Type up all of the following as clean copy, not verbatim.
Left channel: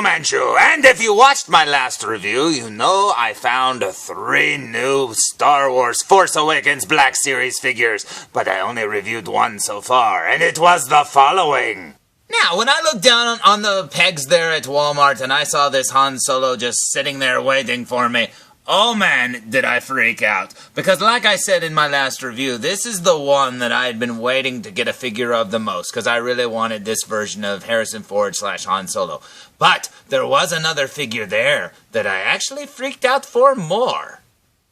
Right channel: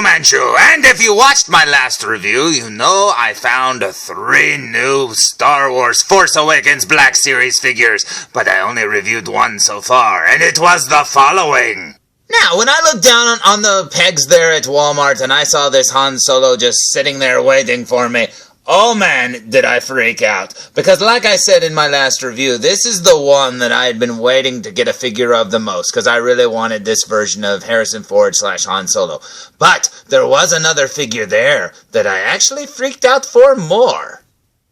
Fu Manchu, and if you watched my last review, you know I found 3 new Star Wars Force Awakens Black Series figures, but I only reviewed 1 so far, and it was the following. Now, when I looked down on the pegs there at Walmart and I saw this Han Solo just sitting there waiting for me, oh man, did I freak out. Because like I said in my last review, this is the one that I had been waiting to get a figure of the most, because I really wanted this version of Harrison Ford / Han Solo. But there was another figure there that I actually freaked out for more.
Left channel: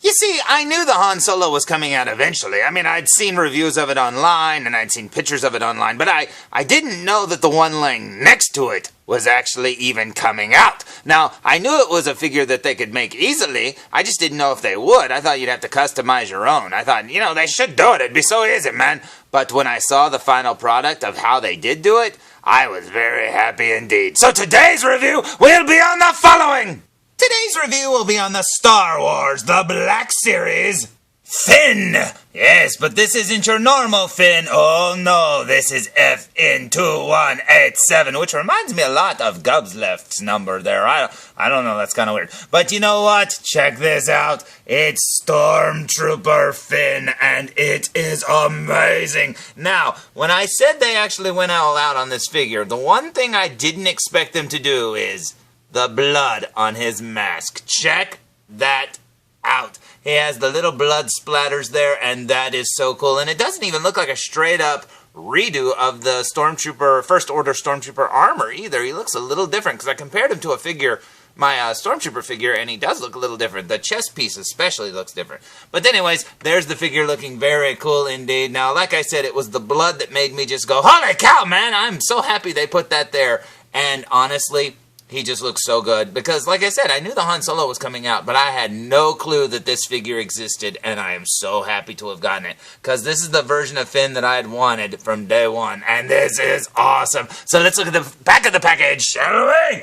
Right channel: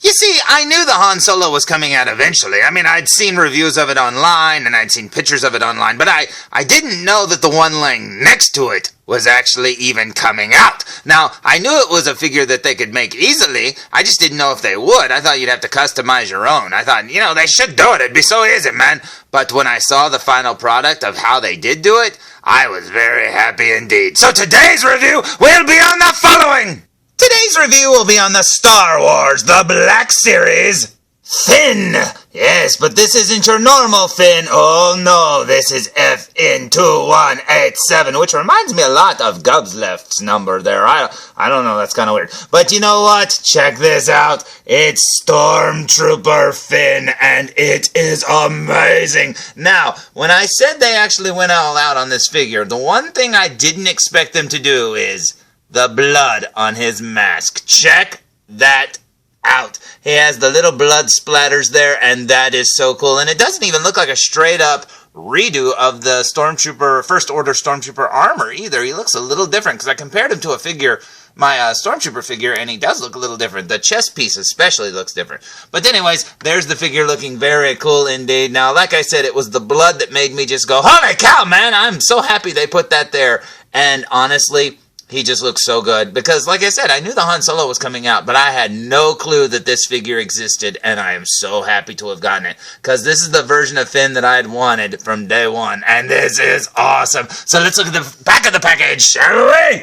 You see, I knew the Han Solo was coming out eventually. I mean, I'd seen reviews of it online, and I'd seen pictures of it online, but I didn't know that the one laying next to it was actually even coming out. Now, I knew it was a figure that they could make easily. I just didn't know if they would. I thought you'd have to customize your own. I thought, you know, they should do it. It'd be so easy, man. But when I saw the final product of how they did do it, I was very happy indeed. So today's review will be on the following. Today's review will be on the Star Wars, the Black Series, Finn. Yes, but this isn't your normal Finn. Oh no, this is FN-2187, which reminds me a lot of Gubsleft's number there. I don't know, that's kind of weird. But you know what? Check this out. It's Stormtrooper Finn, and it is amazing. Now, when I said they actually went all out on this figure, the one thing I didn't expect them to do is the blood on his mask. Check that out. He has the little blood splatters there, and that is so cool. And it doesn't even look like a straight-up redo of the Stormtrooper, First Order Stormtrooper armor either. He looks a little different, because I compared him to a figure, my Stormtrooper figure, and he does look a little different. The chest piece especially looks different. But anyways, there's the figure looking very cool indeed. Now, like I said, it was the blood that made me just go, holy cow, man, I'm so happy they put that there. And honestly, he just looks so good, because like I said, I knew the Han Solo was coming out, but I had no clue that this figure existed, and I am so happy to have gotten it, because this is the version of Finn that I had wanted from day one, and this is awesome. So let's look at the back of the package, shall we?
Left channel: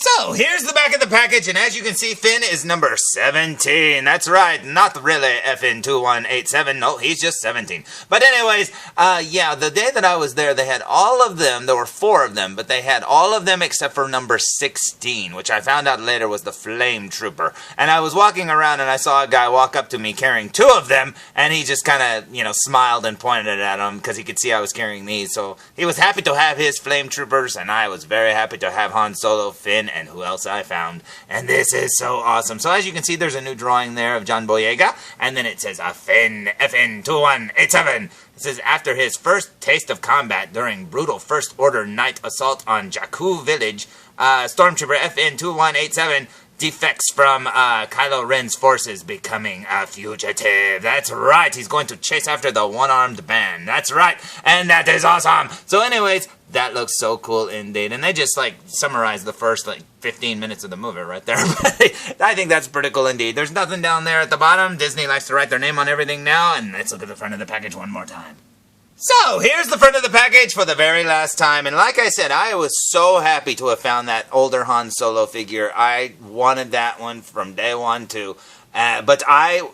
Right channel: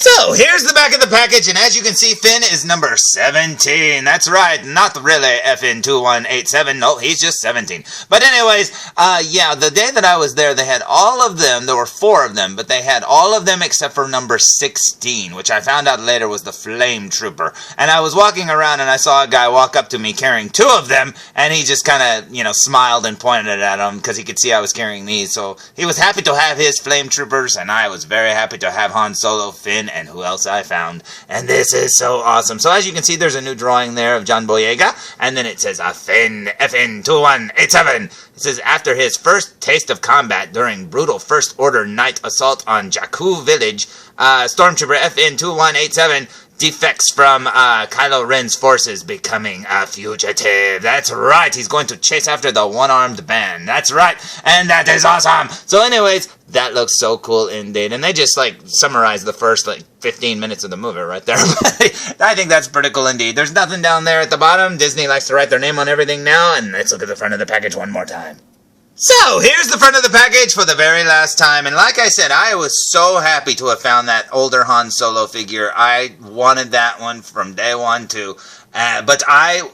So, here's the back of the package, and as you can see, Finn is number 17. That's right, not really FN-2187, no, he's just 17. But anyways, yeah, the day that I was there, they had all of them, there were 4 of them, but they had all of them except for number 16, which I found out later was the Flame Trooper. And I was walking around, and I saw a guy walk up to me carrying 2 of them, and he just kind of, you know, smiled and pointed at them, because he could see I was carrying these, so he was happy to have his Flame Troopers, and I was very happy to have Han Solo, Finn, and who else I found. And this is so awesome. So as you can see, there's a new drawing there of John Boyega, and then it says FN-2187. It says, after his first taste of combat during brutal First Order night assault on Jakku Village, Stormtrooper FN-2187 defects from Kylo Ren's forces, becoming a fugitive. That's right, he's going to chase after the one-armed band. That's right, and that is awesome. So anyways, that looks so cool indeed. And they just, like, summarized the first, 15 minutes of the movie right there. I think that's pretty cool indeed. There's nothing down there at the bottom. Disney likes to write their name on everything now. And let's look at the front of the package one more time. So, here's the front of the package for the very last time. And like I said, I was so happy to have found that older Han Solo figure. I wanted that one from day one, too. But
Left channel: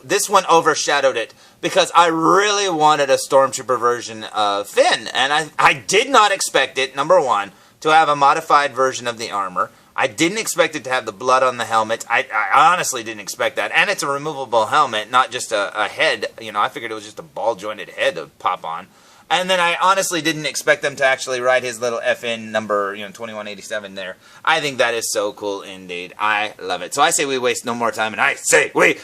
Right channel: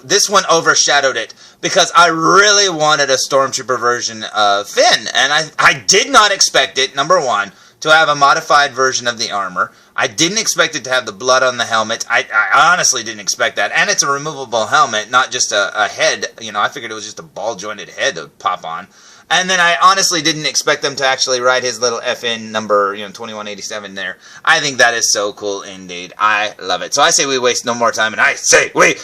this one overshadowed it, because I really wanted a Stormtrooper version of Finn, and I did not expect it, number one, to have a modified version of the armor. I didn't expect it to have the blood on the helmet. I honestly didn't expect that, and it's a removable helmet, not just a head. You know, I figured it was just a ball-jointed head that would pop on. And then I honestly didn't expect them to actually write his little FN number, 2187 there. I think that is so cool indeed. I love it. So I say we waste no more time, and I say we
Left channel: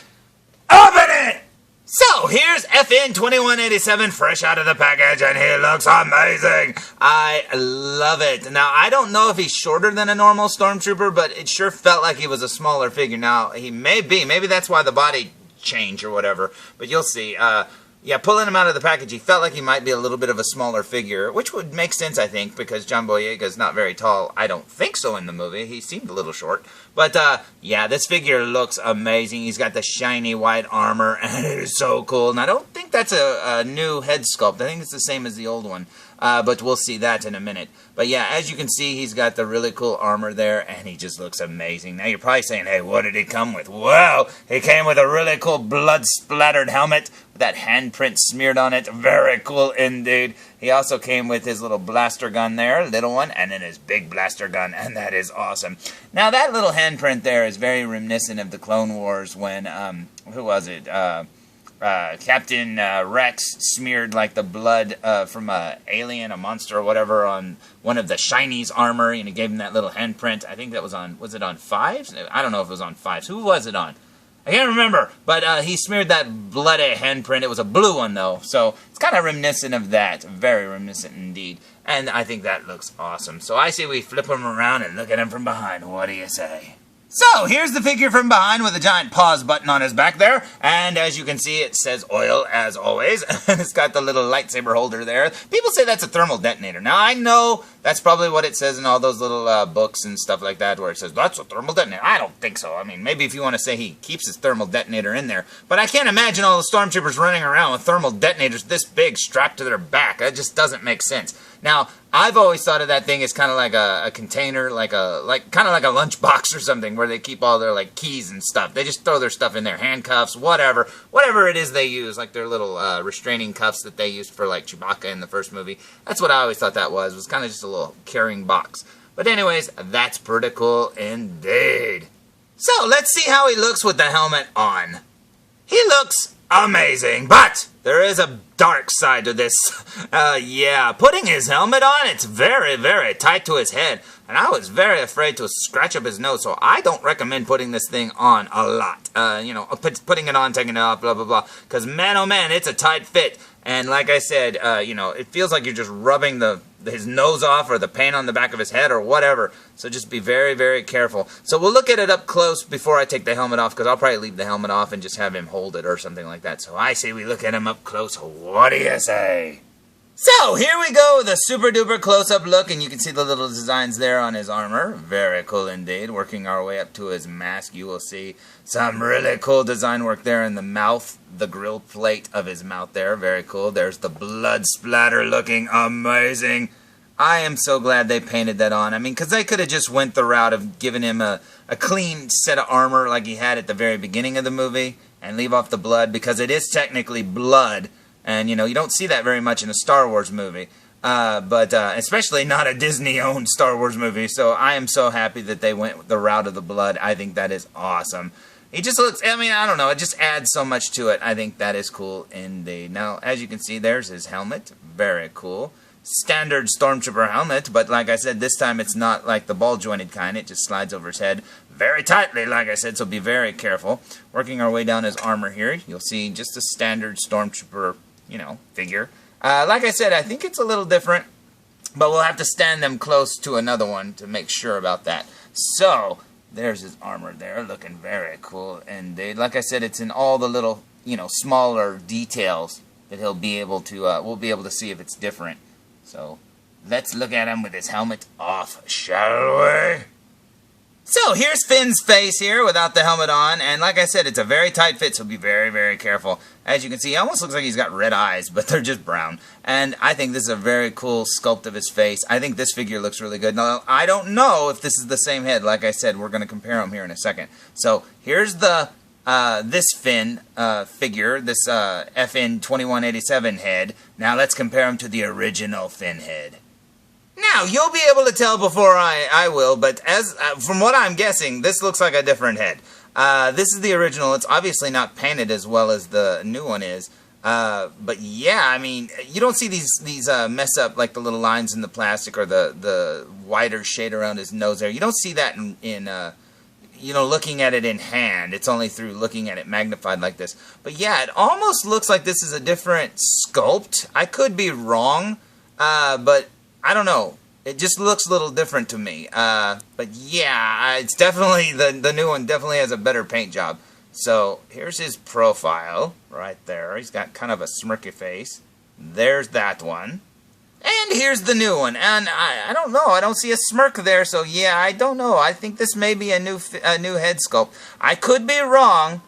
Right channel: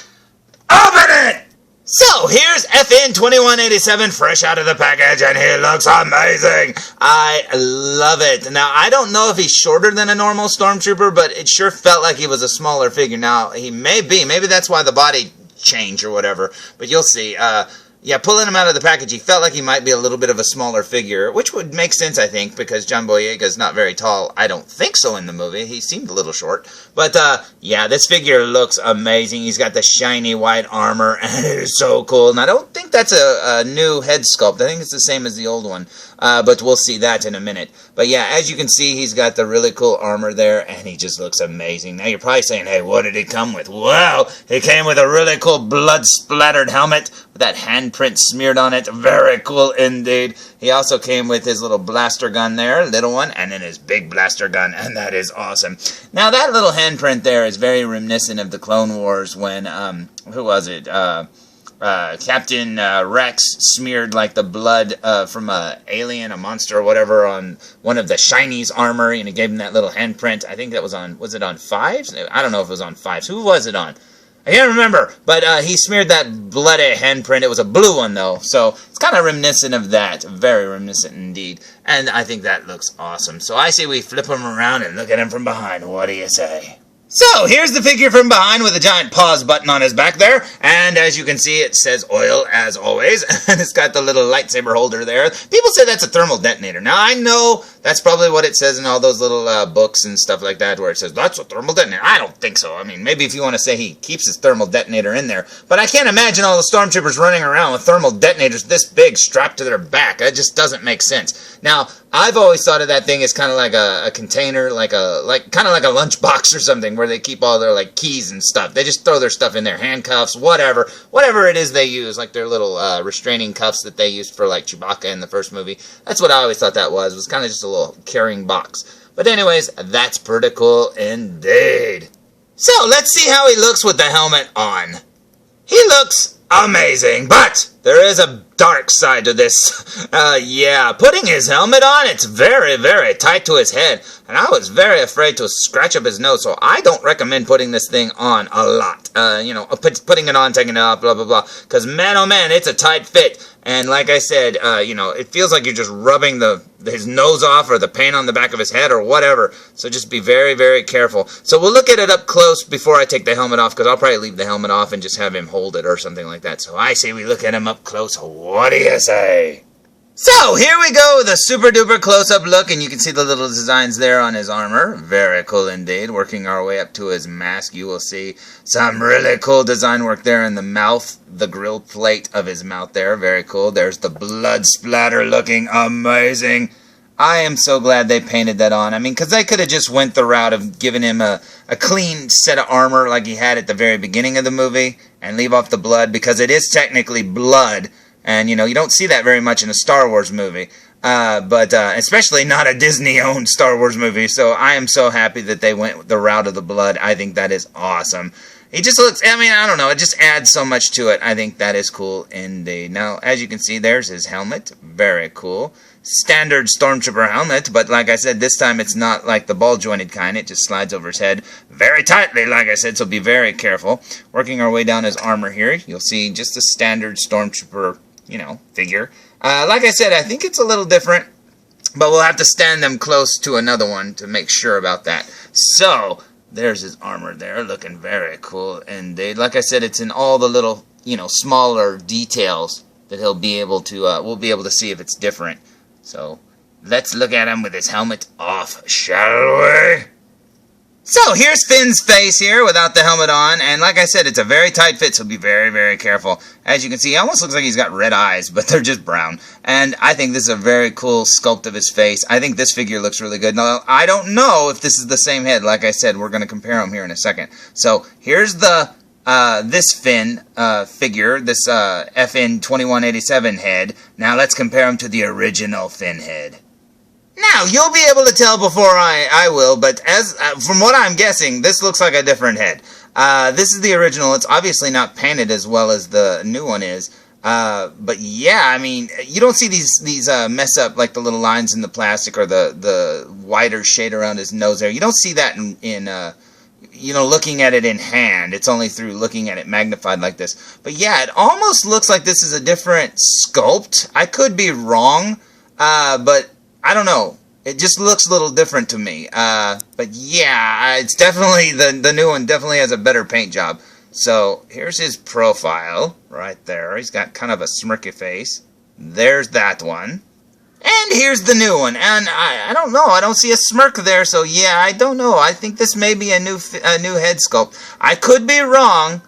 open it! So, here's FN-2187 fresh out of the package, and he looks amazing. I love it. Now, I don't know if he's shorter than a normal Stormtrooper, but it sure felt like he was a smaller figure. Now, he may be. Maybe that's why the body changed or whatever, but you'll see. Yeah, pulling him out of the package, he felt like he might be a little bit of a smaller figure, which would make sense, I think, because John Boyega's not very tall. I don't think so in the movie. He seemed a little short. But, yeah, this figure looks amazing. He's got the shiny white armor, and it is so cool. And I don't think that's a new head sculpt. I think it's the same as the old one. But we'll see that in a minute. But yeah, as you can see, he's got the really cool armor there, and he just looks amazing. Now you're probably saying, hey, what did he come with? Well, he came with a really cool blood-splattered helmet with that handprint smeared on it. Very cool indeed. He also came with his little blaster gun there, little one, and then his big blaster gun, and that is awesome. Now that little handprint there is very reminiscent of the Clone Wars when, who was it? Captain Rex smeared like the blood from a alien, a monster or whatever on one of the Shiny's armor, and he gave him that little handprint. I think that was it on 5s? I don't know if it was on 5s. Who was it on? I can't remember, but he smeared that bloody handprint. It was a blue one, though, so it's kind of reminiscent of that. Very reminiscent indeed, and I think that looks awesome. So I say we flip him around and look at him from behind. What do you say? So, here's the figure from behind with a giant pause button on his back there, and as you can see, it says oil, as always, and it's got the little lightsaber holder there. People say that's a thermal detonator. Now, I know that's probably what it says in all those little books and stuff like that, where it says, that's a thermal detonator. I don't think so. I mean, maybe if you want to say he keeps his thermal detonator in there, but I can't imagine all the stormtroopers running around with thermal detonators this big strapped to their back. That just doesn't make sense. Now, I've always thought of that thing as kind of like a container, kind of like a lunchbox or something, where they keep all their like keys and stuff. They just throw their stuff in there, handcuffs, whatever it is they use, like their little restraining cuffs that they used for like Chewbacca in the first movie. That's what I always thought that was. It was kind of just a little carrying box. But anyways, that's pretty cool indeed. So let's see how he looks with the helmet on. He looks amazing, but there is a dark side to this. Yeah, putting his helmet on, it's very, very tight to his head, and I was very afraid to scratch up his nose, so I don't recommend putting this thing on a lot. Putting it on, taking it off, blah, blah, blah, because man, oh man, it's a tight fit, and like I said, it feels like you're just rubbing his nose off or the paint on the back of his head or whatever, so just be very, very careful. So we'll look at it up close before I take the helmet off, because I'll probably leave the helmet off and just have him hold it or something like that. So I say we look at him up close. What do you say? So here we go with a super duper close-up look, and you can see the little designs there on his armor. Very cool indeed. Working our way up to his mask, you will see some really cool design work there in the mouth, the grill plate of his mouth there. Very cool. There's the blood splatter looking amazing. I am so glad they painted that on. I mean, because they could have just went the route of giving him a clean set of armor like he had at the very beginning of the movie and leave off the blood, because it is technically blood. And, you don't see that very much in a Star Wars movie. But especially not a Disney-owned Star Wars movie. So I am so happy that they went the route of the blood. I think that is awesome. He just looks, I don't know, it just adds so much to it. I think that is cool indeed. Now, as you can see, there's his helmet. Very cool. Standard Stormtrooper helmet, but like I said, this time it's not like the ball-jointed kind. It just slides over his head very tightly, like I said, so be very careful. Working our way down his armor here, you'll see just a standard Stormtrooper figure. Like I said, I think it's a little different, but we'll have to stand them close to another one to make sure about that. So, there's his armor there, looking very cool indeed. Like I said, it's in all the little, smaller details that he'll be able to, we'll be able to see if it's different. So, let's look at him with his helmet off, shall we? So, here's Finn's face here without the helmet on, and like I said, it's a very tight fit, so be very, very careful. As you can see, he almost looks like he's got red eyes, but they're just brown. And I think this is a very cool sculpt of his face. I think this figure looks really good. Now, I don't know if this is the same head. Like I said, we're going to compare them here in a second. So, here's the this Finn figure, this FN-2187 head. Now, let's compare him to the original Finn head. Now, you'll be able to tell before I will, but as from what I'm guessing, this looks like a different head. This is the original. It's obviously not painted as well as the new one is. But yeah, I mean, you don't see these mess up, like the little lines in the plastic or the wider shade around his nose there. You don't see that in looking at it in hand. It's only through looking at it magnified like this. But yeah, it almost looks like this is a different sculpt. I could be wrong, but I don't know. It just looks a little different to me. But yeah, it's definitely, the new one definitely has a better paint job. So, here's his profile right there. He's got kind of a smirky face. There's that one. And here's the new one. And I don't know. I don't see a smirk there, so yeah, I don't know. I think this may be a new head sculpt. I could be wrong,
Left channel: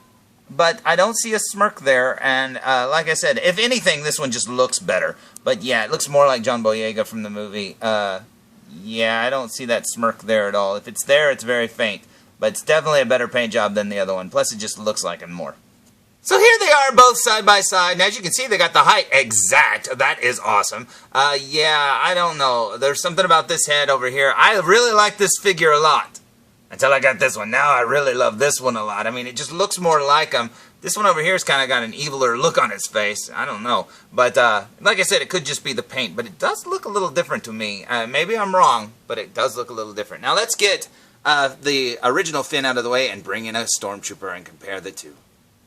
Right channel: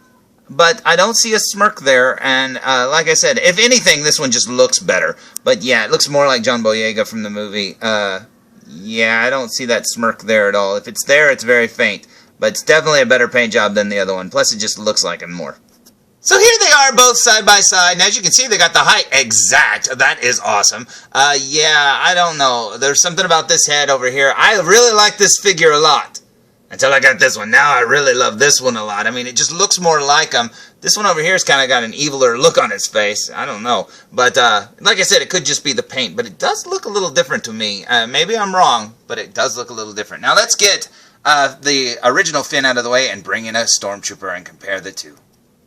but I don't see a smirk there, and like I said, if anything, this one just looks better. But yeah, it looks more like John Boyega from the movie. Yeah, I don't see that smirk there at all. If it's there, it's very faint. But it's definitely a better paint job than the other one. Plus, it just looks like him more. So here they are, both side by side, and as you can see, they got the height exact. That is awesome. Yeah, I don't know. There's something about this head over here. I really like this figure a lot. Until I got this one. Now I really love this one a lot. I mean, it just looks more like him. This one over here has kind of got an eviler look on its face. I don't know. But, like I said, it could just be the paint. But it does look a little different to me. Maybe I'm wrong, but it does look a little different. Now let's get the original Finn out of the way and bring in a Stormtrooper and compare the two.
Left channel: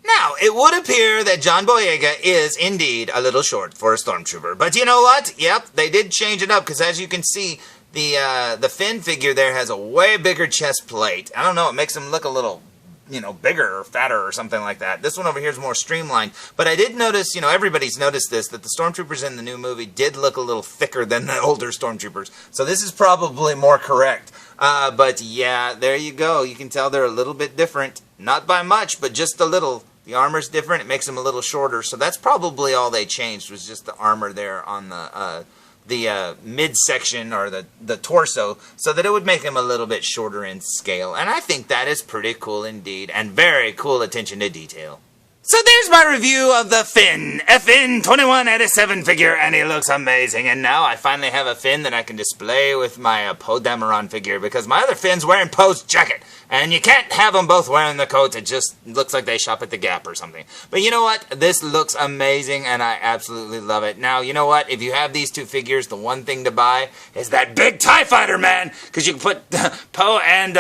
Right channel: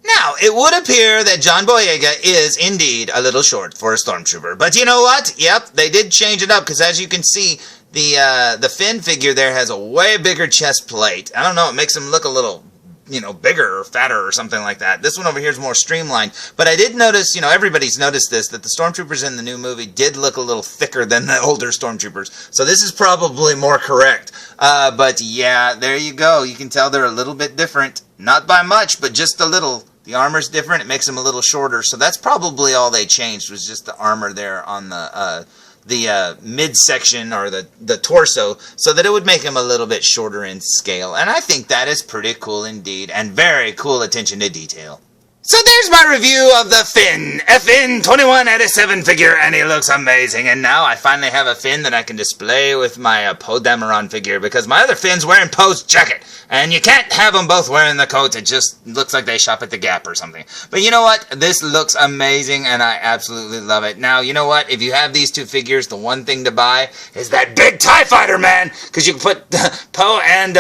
Now, it would appear that John Boyega is indeed a little short for a Stormtrooper. But you know what? Yep, they did change it up, because as you can see, the Finn figure there has a way bigger chest plate. I don't know, it makes him look a little, you know, bigger or fatter or something like that. This one over here is more streamlined. But I did notice, you know, everybody's noticed this, that the Stormtroopers in the new movie did look a little thicker than the older Stormtroopers. So this is probably more correct. But yeah, there you go. You can tell they're a little bit different. Not by much, but just a little. The armor's different. It makes them a little shorter. So that's probably all they changed, was just the armor there on the midsection or the torso, so that it would make him a little bit shorter in scale. And I think that is pretty cool indeed, and very cool attention to detail. So there's my review of the Finn, FN-2187 figure, and he looks amazing. And now I finally have a Finn that I can display with my Poe Dameron figure, because my other Finn's wearing Poe's jacket, and you can't have them both wearing the coat. It just looks like they shop at the Gap or something. But you know what? This looks amazing, and I absolutely love it. Now, you know what? If you have these two figures, the one thing to buy is that big TIE Fighter, man, because you can put Poe and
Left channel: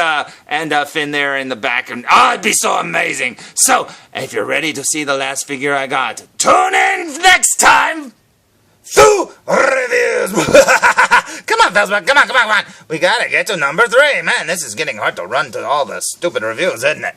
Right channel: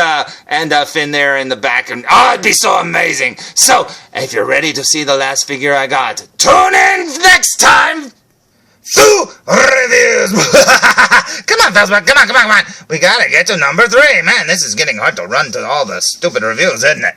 Finn there in the back, and it'd be so amazing. So, if you're ready to see the last figure I got, tune in next time to reviews. Come on, felzbug, come on. We gotta get to number 3. Man, this is getting hard to run to all the stupid reviews, isn't it?